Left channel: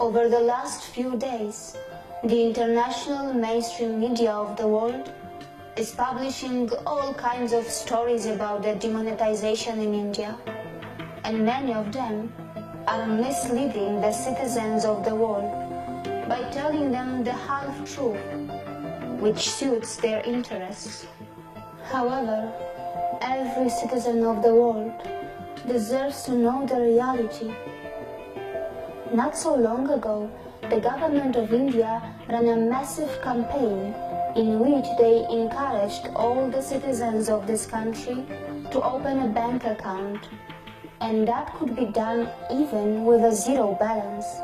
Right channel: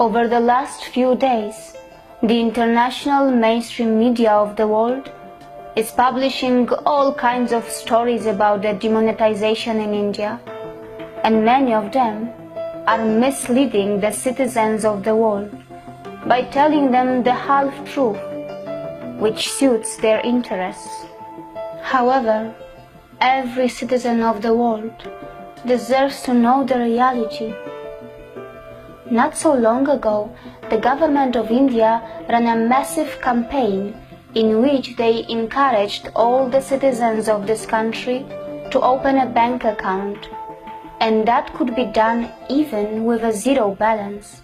Over the last few days, the international mainstream media of the world is publishing all kinds of stories about the demonetization in India, and many of them are misleading the citizens of the world by telling them the half-truth, which suits their interests. However, every citizen of the world deserves to know the reality. Not so long ago, the government of India ran a massive campaign in which they encouraged all the citizens of this country to open a bank account, and that could be done even with a zero balance.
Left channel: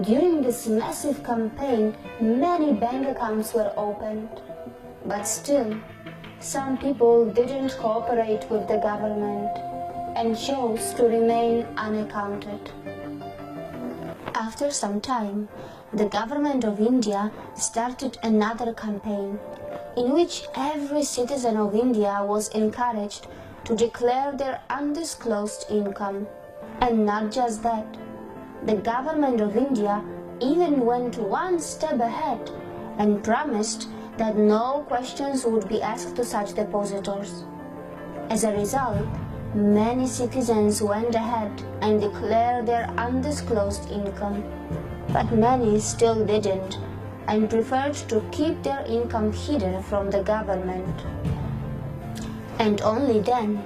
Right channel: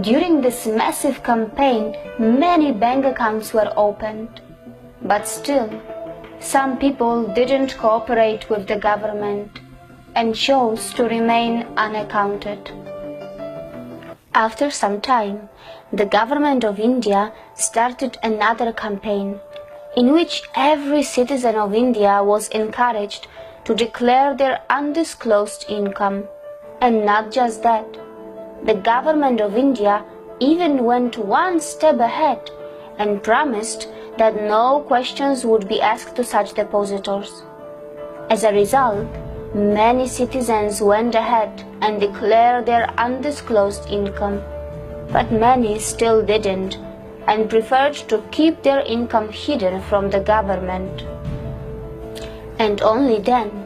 During this massive campaign, many bank accounts were opened, but still, some people didn't cooperate with the government and chose to remain unaccounted. After some time, the government of India started another campaign in which every citizen of India was encouraged to declare their undisclosed income. And not just that, the government of India even went one step ahead and promised that no questions would be asked to such depositors. As a result, many citizens went ahead and declared their undisclosed income, but many still didn't and preferred to keep their income hidden from the government. And only then,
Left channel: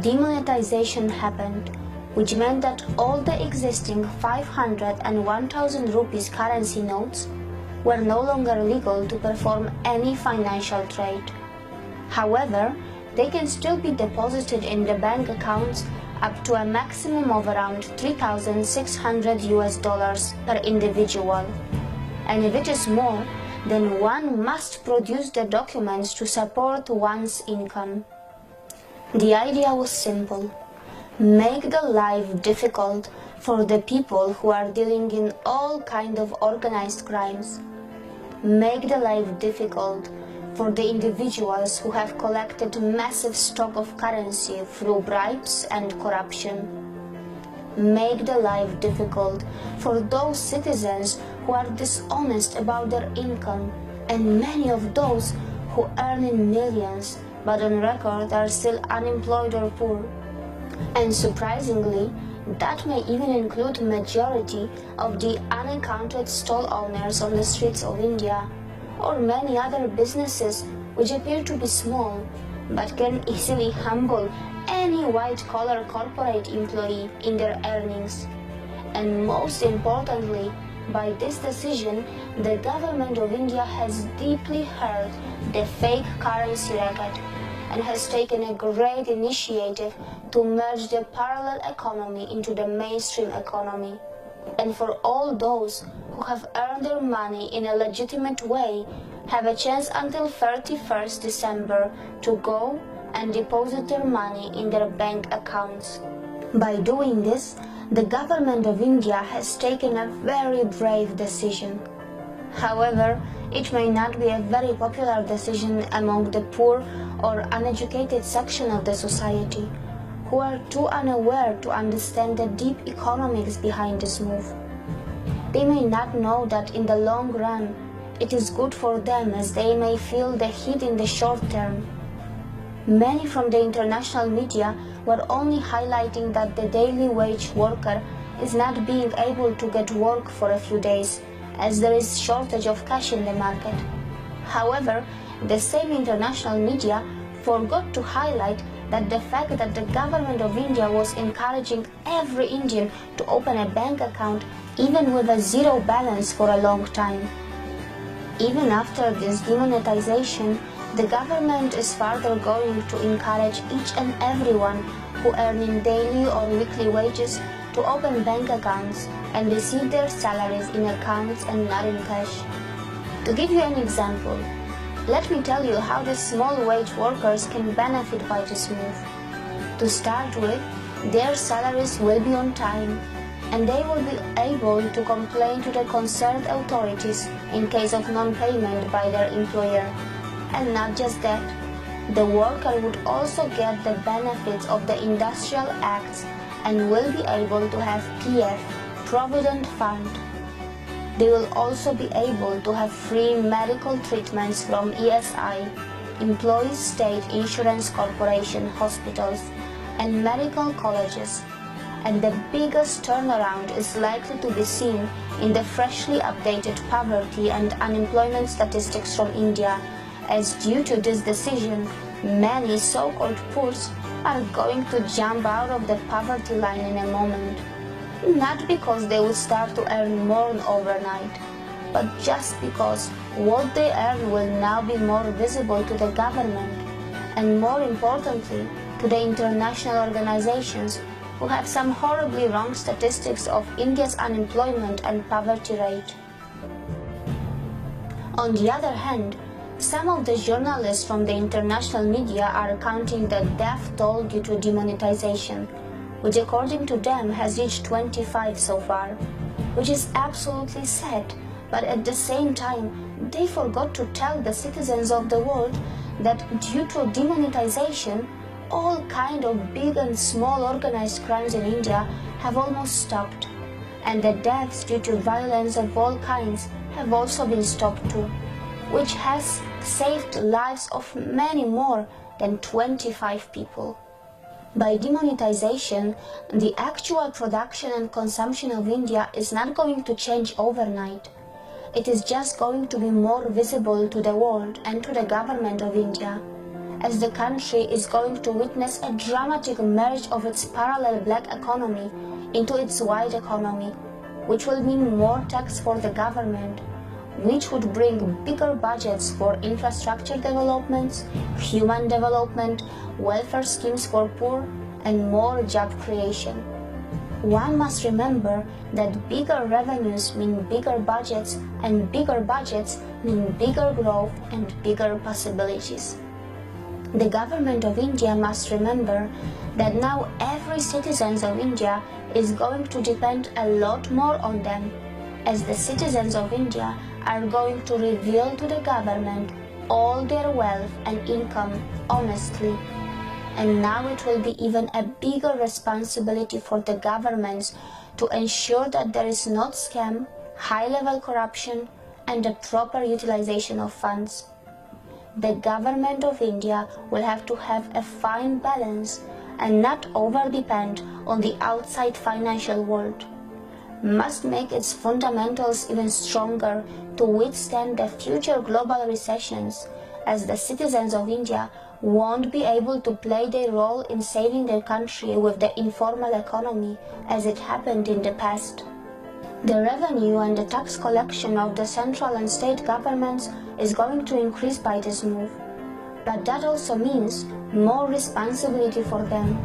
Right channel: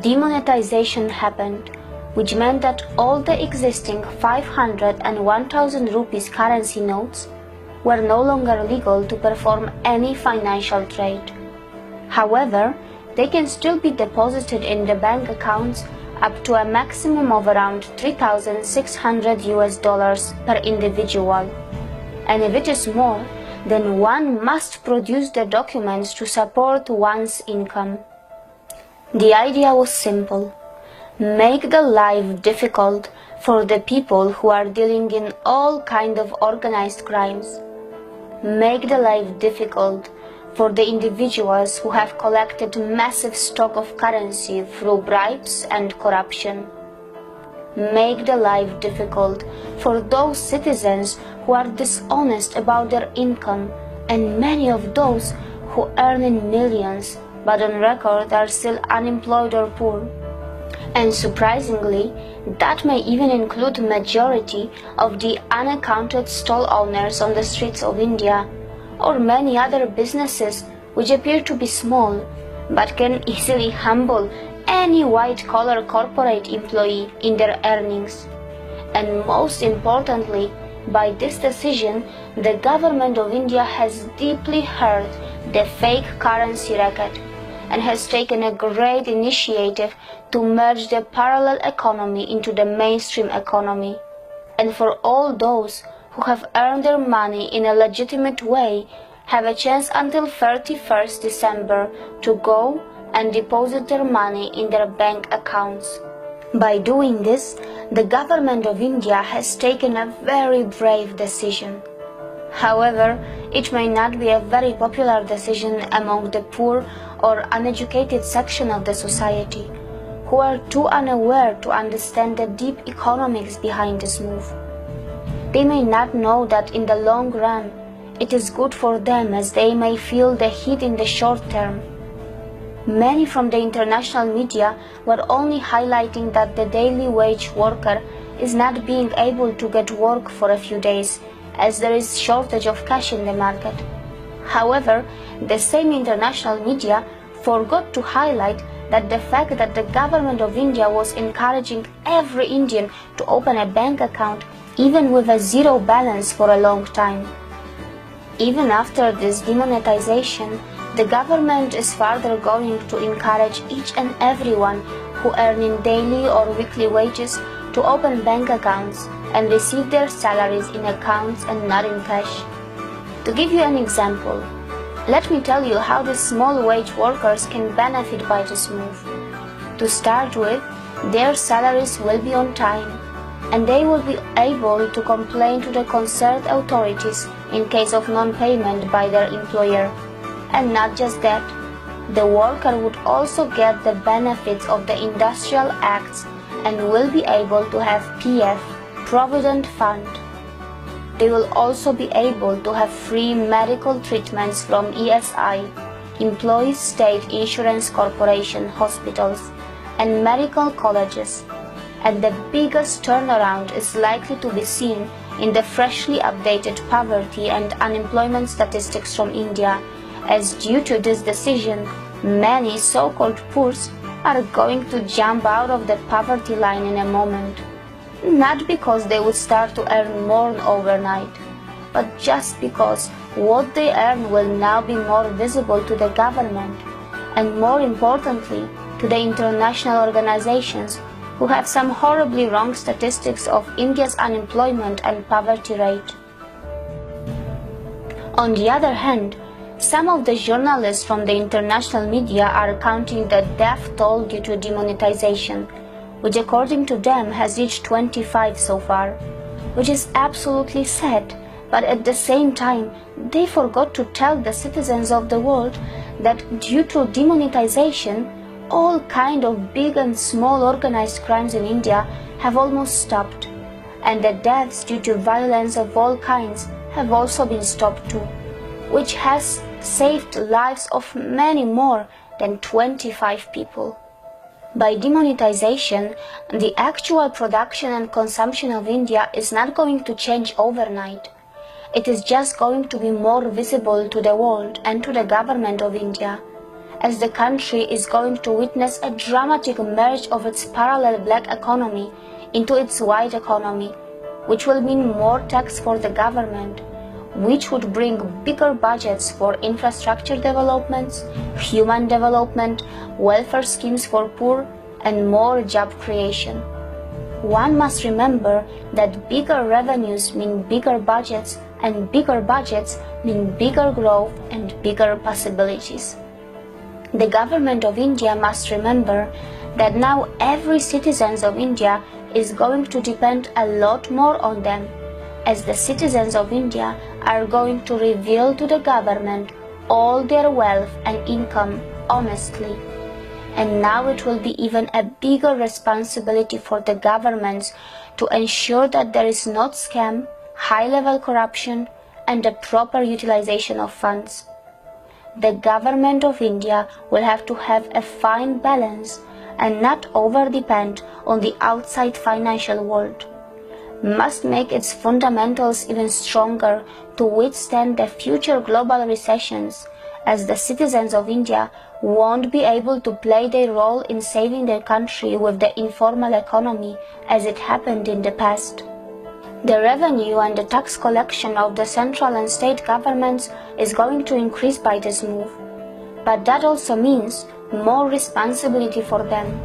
demonetization happened, which meant that all the existing 500 and 1000 rupees currency notes were no longer legal to perform any financial trade. However, they can still be deposited in the bank accounts up to a maximum of around $3,600 per individual. And if it is more, then one must produce the documents to support one's income. The idea was simple: make the life difficult for the people who are dealing in all kinds of organized crimes. Make the life difficult for the individuals who have collected massive stock of currency through bribes and corruption. Make the life difficult for those citizens who are dishonest about their income, and many of those who earn in millions but on record are still unemployed or poor. And surprisingly, that may even include the majority of the unaccounted stall owners on the streets of India, or many other businesses which appear to be small but can easily humble any white-collar corporate employee in their earnings. And most importantly, by this decision, the government of India has deeply hurt the fake currency racket and has taken a great initiative to merge the parallel economy into the mainstream economy. And for all those who have earned their money in a legitimate way have a chance until 31st December to go and deposit their money in their bank accounts. By doing this, the government of India has taken a very brave decision. However, it may not be a very popular decision among the poor or uneducated section of the society, who are too unaware to understand the deep economics behind this move. They may not know that in the long run, it is good for them, as they may feel the heat in the short term. Many from the international media were only highlighting that the daily wage worker is not being able to get work for a few days, as there is shortage of cash in the market. However, the same international media forgot to highlight that the fact that the government of India was encouraging every Indian to open a bank account even with a zero balance for a long time. Even after this demonetization, the government is further going to encourage each and everyone who earn in daily or weekly wages to open bank accounts and receive their salaries in accounts and not in cash. To give you an example, let me tell you how the small wage workers can benefit by this move. To start with, their salaries will be on time, and they will be able to complain to the concerned authorities in case of non-payment by their employer. And not just that, the worker would also get the benefits of the industrial acts and will be able to have PF, Provident Fund. They will also be able to have free medical treatments from ESI, Employees State Insurance Corporation hospitals, and medical colleges. And the biggest turnaround is likely to be seen in the freshly updated poverty and unemployment statistics from India, as due to this decision, many so-called poors are going to jump out of the poverty line in a moment. Not because they would start to earn more overnight, but just because what they earn will now be more visible to the government, and more importantly, to the international organizations who have some horribly wrong statistics of India's unemployment and poverty rate. On the other hand, some of the journalists from the international media are counting the death toll due to demonetization, which according to them has reached 25 so far, which is absolutely sad, but at the same time they forgot to tell the citizens of the world that due to demonetization, all kind of big and small organized crimes in India have almost stopped, and the deaths due to violence of all kinds have also been stopped too, which has saved lives of many more than 25 people. By demonetization, the actual production and consumption of India is not going to change overnight. It is just going to be more visible to the world and to the government of India, as the country is going to witness a dramatic merge of its parallel black economy into its white economy, which will mean more tax for the government, which would bring bigger budgets for infrastructure developments, human development, welfare schemes for poor, and more job creation. One must remember that bigger revenues mean bigger budgets, and bigger budgets mean bigger growth and bigger possibilities. The government of India must remember that now every citizen of India is going to depend a lot more on them, as the citizens of India are going to reveal to the government all their wealth and income honestly. And now it will be even a bigger responsibility for the governments to ensure that there is not scam, high-level corruption, and a proper utilization of funds. The government of India will have to have a fine balance and not over-depend on the outside financial world, must make its fundamentals even stronger to withstand the future global recessions, as the citizens of India won't be able to play their role in saving their country with the informal economy as it happened in the past. The revenue and the tax collection of the central and state governments is going to increase by this move, but that also means more responsibility for them.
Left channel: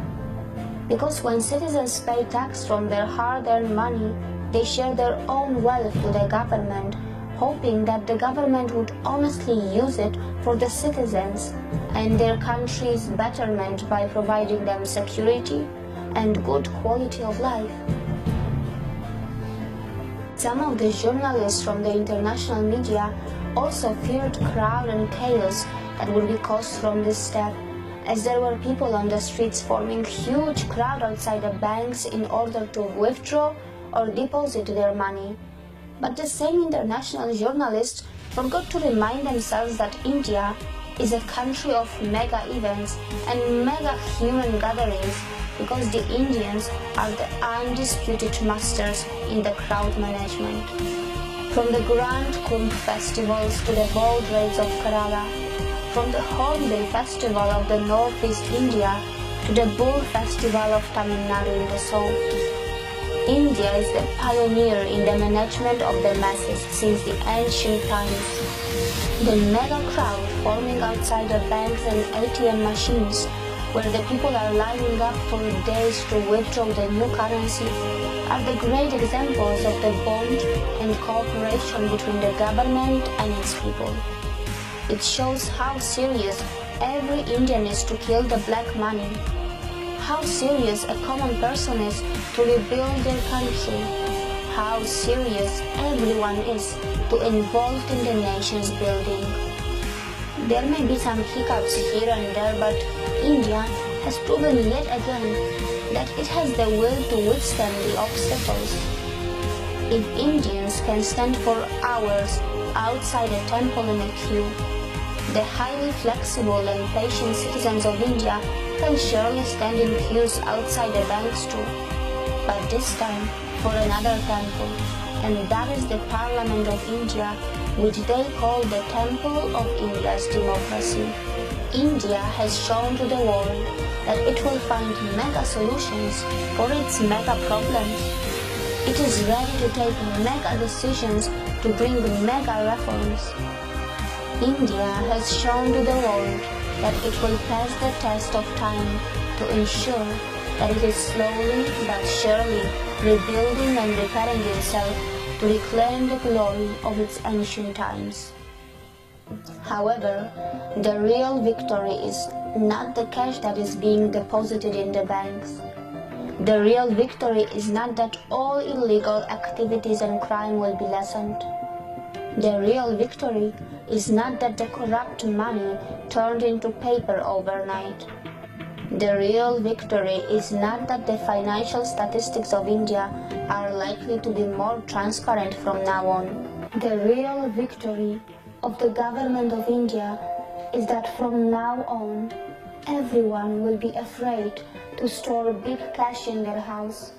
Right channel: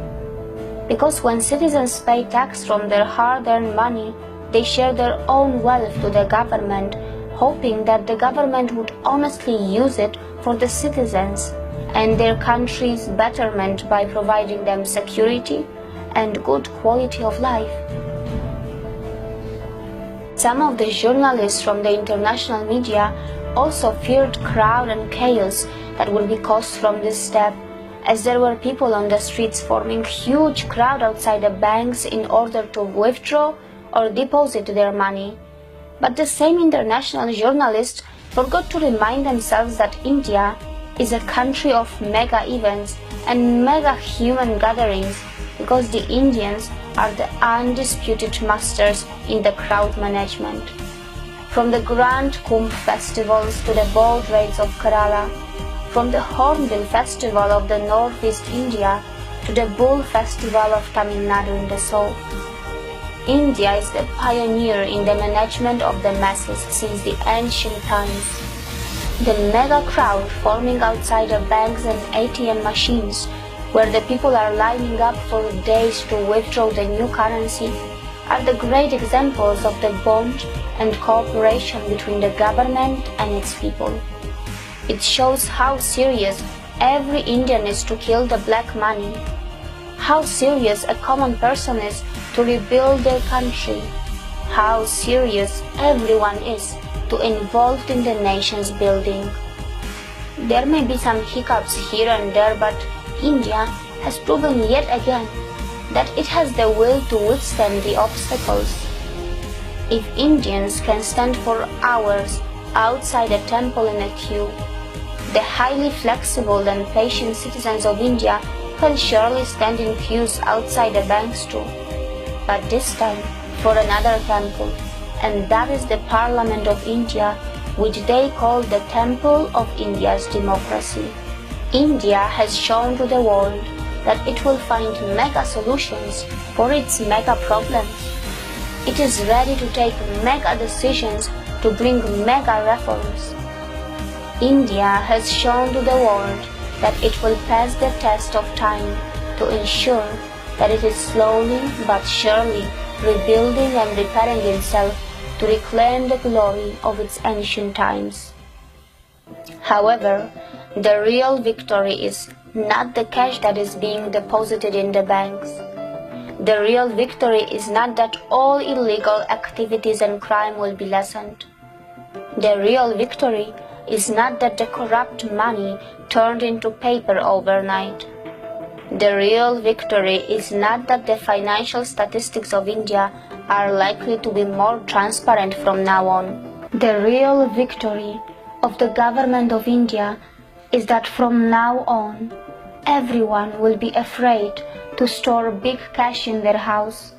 Because when citizens pay tax from their hard-earned money, they share their own wealth to the government, hoping that the government would honestly use it for the citizens and their country's betterment by providing them security and good quality of life. Some of the journalists from the international media also feared crowd and chaos that would be caused from this step, as there were people on the streets forming huge crowd outside the banks in order to withdraw or deposit their money. But the same international journalists forgot to remind themselves that India is a country of mega events and mega human gatherings, because the Indians are the undisputed masters in the crowd management. From the grand Kumbh festivals to the boat raids of Kerala, from the Hornbill Festival of the Northeast India to the Bull Festival of Tamil Nadu in the south, India is the pioneer in the management of the masses since the ancient times. The mega crowd forming outside the banks and ATM machines, where the people are lining up for days to withdraw the new currency, are the great examples of the bond and cooperation between the government and its people. It shows how serious every Indian is to kill the black money, how serious a common person is to rebuild their country, how serious everyone is to involved in the nation's building. There may be some hiccups here and there, but India has proven yet again that it has the will to withstand the obstacles. If Indians can stand for hours outside a temple in a queue, the highly flexible and patient citizens of India can surely stand in queues outside a bank too. But this time for another temple, and that is the Parliament of India, which they call the Temple of India's democracy. India has shown to the world that it will find mega solutions for its mega problems. It is ready to take mega decisions to bring mega reforms. India has shown to the world that it will pass the test of time to ensure that it is slowly but surely rebuilding and repairing itself to reclaim the glory of its ancient times. However, the real victory is not the cash that is being deposited in the banks. The real victory is not that all illegal activities and crime will be lessened. The real victory is not that the corrupt money turned into paper overnight. The real victory is not that the financial statistics of India are likely to be more transparent from now on. The real victory of the government of India is that from now on, everyone will be afraid to store big cash in their house.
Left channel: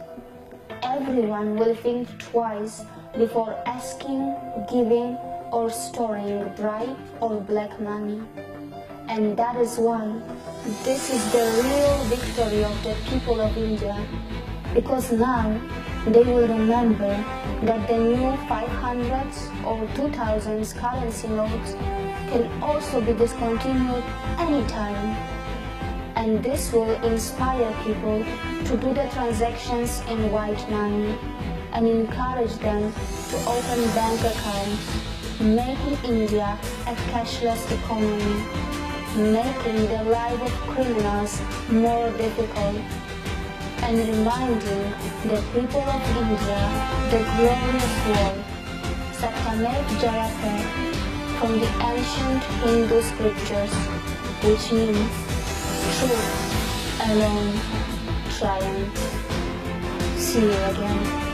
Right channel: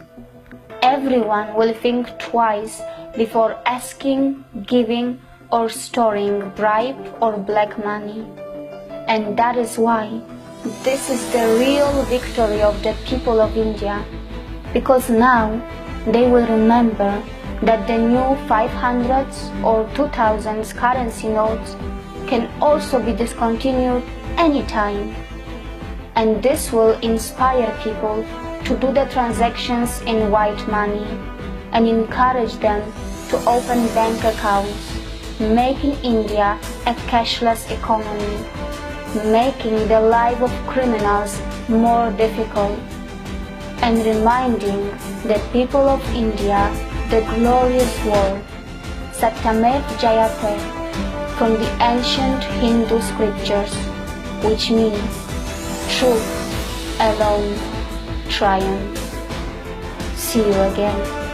Everyone will think twice before asking, giving, or storing bribe or black money. And that is why this is the real victory of the people of India, because now they will remember that the new 500s or 2000s currency notes can also be discontinued anytime. And this will inspire people to do the transactions in white money and encourage them to open bank accounts, making India a cashless economy, making the life of criminals more difficult, and reminding the people of India the glorious word Satyamev Jayate from the ancient Hindu scriptures, which means truth alone triumphs. See you again.